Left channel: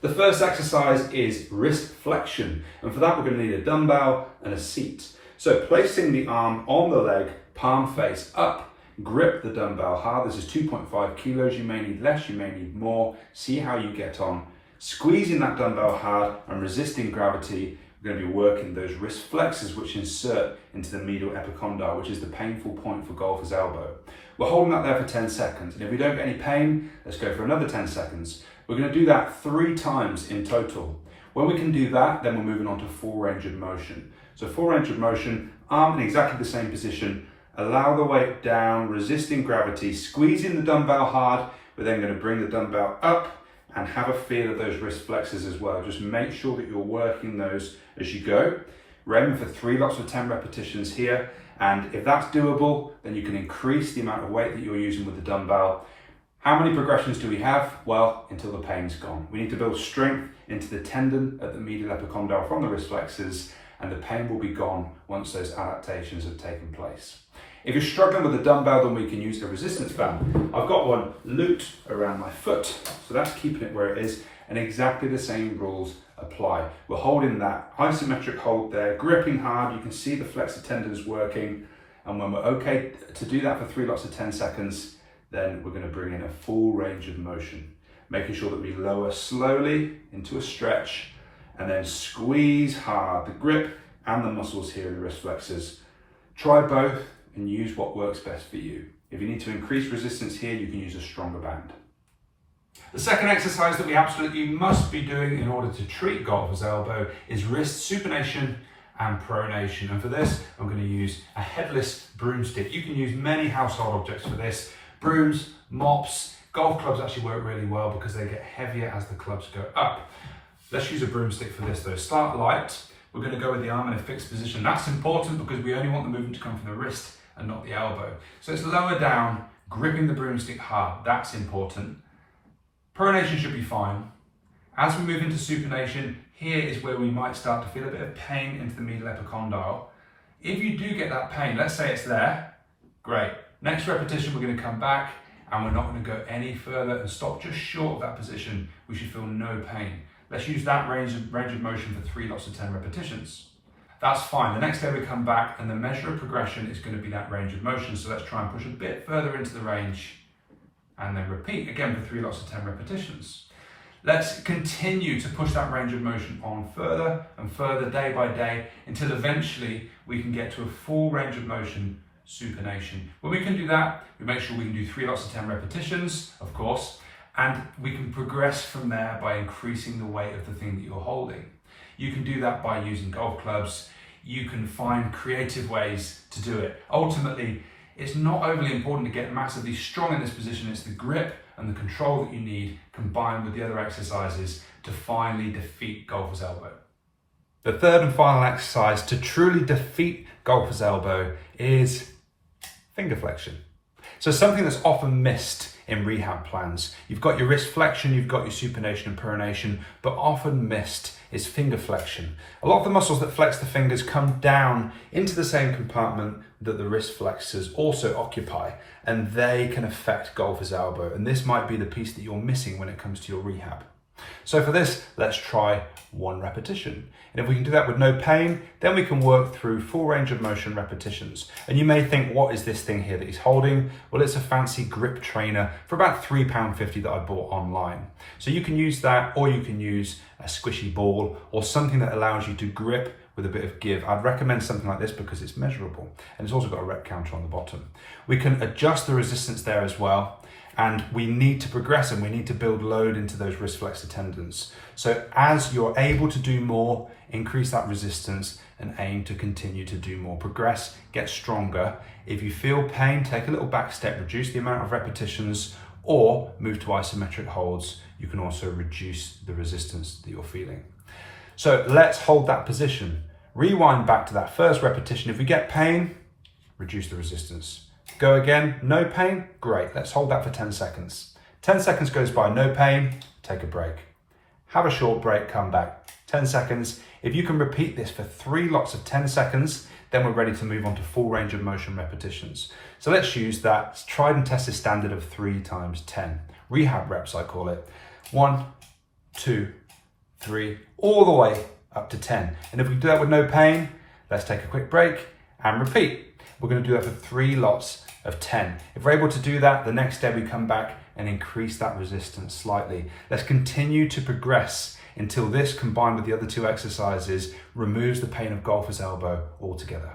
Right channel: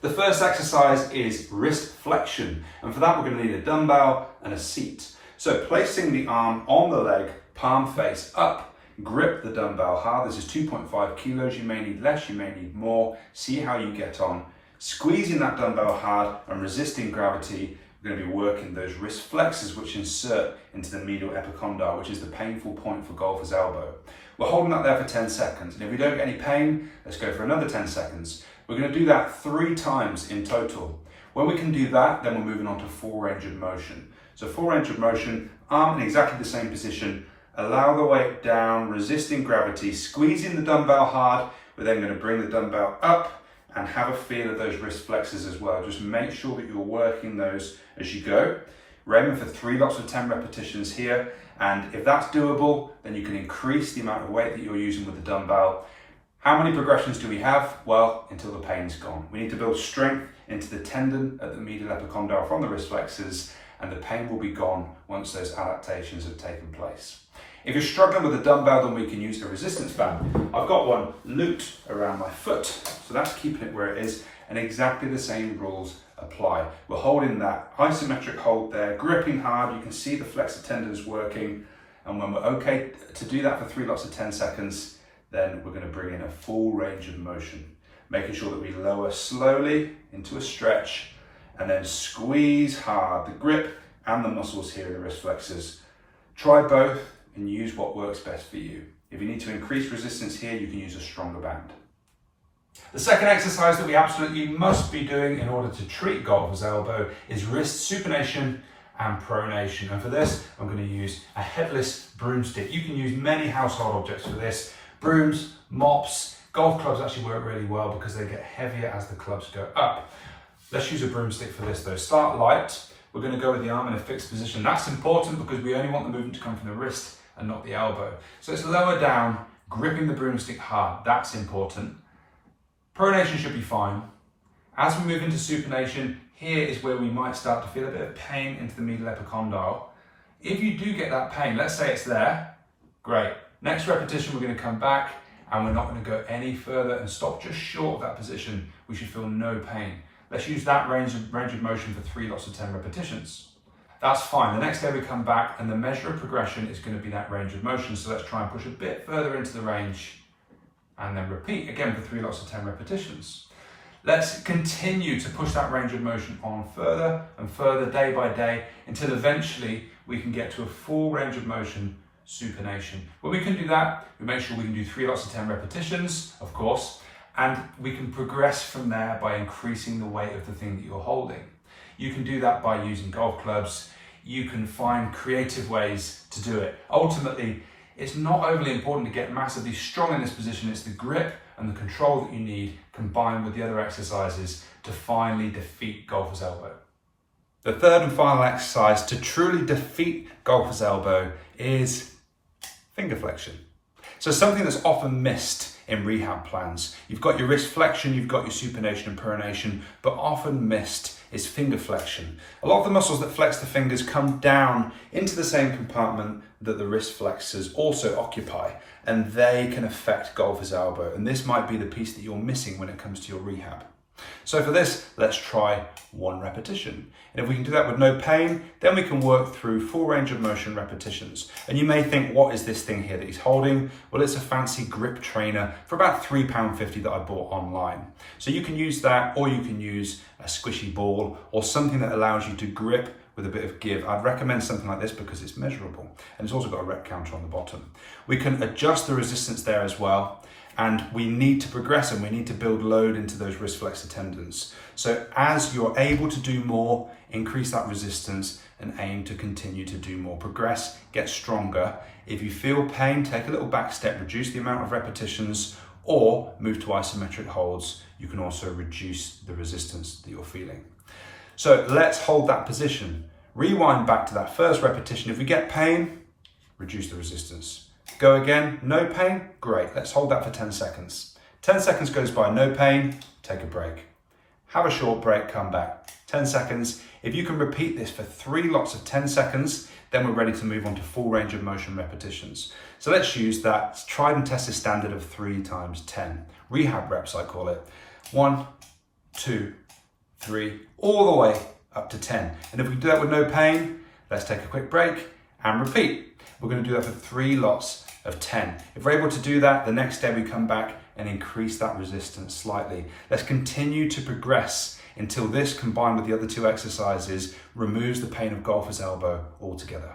The first exercise is wrist flexion, and for that we're going to need a dumbbell and a seat. So placing the arm on the leg, palm face up, grip the dumbbell hard. This is 2.5 kilos, you may need less, you may need more. See how you get on. Squeezing that dumbbell hard and resisting gravity, we're going to be working those wrist flexors which insert into the medial epicondyle, which is the painful point for golfer's elbow. We're holding that there for 10 seconds, and if we don't get any pain, let's go for another 10 seconds. We're going to do that 3 times in total. When we can do that, then we're moving on to full range of motion. So full range of motion, arm in exactly the same position, allow the weight down, resisting gravity, squeezing the dumbbell hard. We're then going to bring the dumbbell up and have a feel of those wrist flexors as well. Just make sure that you're working those as you go. We're aiming for 3 lots of 10 repetitions here. And if that's doable, then you can increase the amount of weight that you're using with the dumbbell. How many progressions do we have? Well, until the pain's gone. We need to build strength into the tendon at the medial epicondyle from the wrist flexors, and the pain will be gone once those adaptations have taken place. If you're struggling with a dumbbell, then we can use a resistance band. I've got one looped around my foot, so that's keeping it where it is, and exactly the same rules apply. We're holding that isometric hold there, gripping hard. You can see the flexor tendons working, and when we're okay to do that for 3 lots of 10 seconds, then we're going to bring in a full range of motion, making sure that we lower slowly into a stretch and then squeeze hard the grip and the muscles here in the wrist flexors. Try both and use what works best for you. If you need to increase resistance here, you can use a stronger band. The second exercise that we absolutely must be doing in order to treat golfer's elbow is wrist supination and pronation. And for this, I'm going to use a headless broomstick. You can use many household objects for this. Brooms, mops, golf clubs actually work really well because they get heavier as the clubs go up. Let's use a broomstick for this though. Start light. We're going to go with the arm in a fixed position. That's important because we only want the movement to come from the wrist and not the elbow. So it's lower down, gripping the broomstick hard. That's important. Pronation should be fine. As we move into supination, here is where we might start to feel a bit of pain into the medial epicondyle. If you do get that pain, let's say it's there, great. Next repetition, we're going to come back and we're not going to go any further and stop just short of that position. We should feel no pain. Let's use that range of motion for 3 lots of 10 repetitions. That's fine. The next day we come back and the measure of progression is going to be that range of motion. So let's try and push a bit further into the range and then repeat again for 3 lots of 10 repetitions. Let's continue to push that range of motion on further and further day by day until eventually we can get to a full range of motion supination. When we can do that, we make sure we can do 3 lots of 10 repetitions, of course, and we can progress from there by increasing the weight of the thing that you're holding. You can do that by using golf clubs. You can find creative ways to do it. Ultimately, it's not overly important to get massively strong in this position. It's the grip and the control that you need combined with the other exercises to finally defeat golfer's elbow. The third and final exercise to truly defeat golfer's elbow is finger flexion. So something that's often missed in rehab plans. You've got your wrist flexion, you've got your supination and pronation, but often missed is finger flexion. A lot of the muscles that flex the fingers come down into the same compartment that the wrist flexors also occupy, and they can affect golfer's elbow. And this might be the piece that you're missing when it comes to your rehab. So for this, let's try 1 repetition. And if we can do that with no pain, then we can work through full range of motion repetitions. And you may think, what is this thing here that he's holding? Well, it's a fancy grip trainer for about £3.50 that I bought online. So you can use that, or you can use a squishy ball or something that allows you to grip with a bit of give. I'd recommend something like this because it's measurable and it's also got a rep counter on the bottom. We can adjust the resistance there as well. And we need to progress and we need to build load into those wrist flexor tendons. So as you're able to do more, increase that resistance and aim to continue to do more. Progress, get stronger. If you feel pain, take a little back step, reduce the amount of repetitions or move to isometric holds. You can also reduce the resistance that you're feeling. So let's hold that position. Rewind back to that first repetition. If we get pain, reduce the resistance. Go again, no pain, great. Let's hold that for 10 seconds. 10 seconds goes by, no pain, take a break. Have a short break, come back. 10 seconds. If you can repeat this for 3 lots of 10 seconds, then we're ready to move on to full range of motion repetitions. So let's use that tried and tested standard of 3 times 10. Rehab reps, I call it. 1, 2, 3, all the way up to 10. And if we do that with no pain, let's take a quick break and repeat. We're going to do that for 3 lots of 10. If we're able to do that, the next day we come back and increase that resistance slightly. Let's continue to progress until this, combined with the other 2 exercises, removes the pain of golfer's elbow altogether.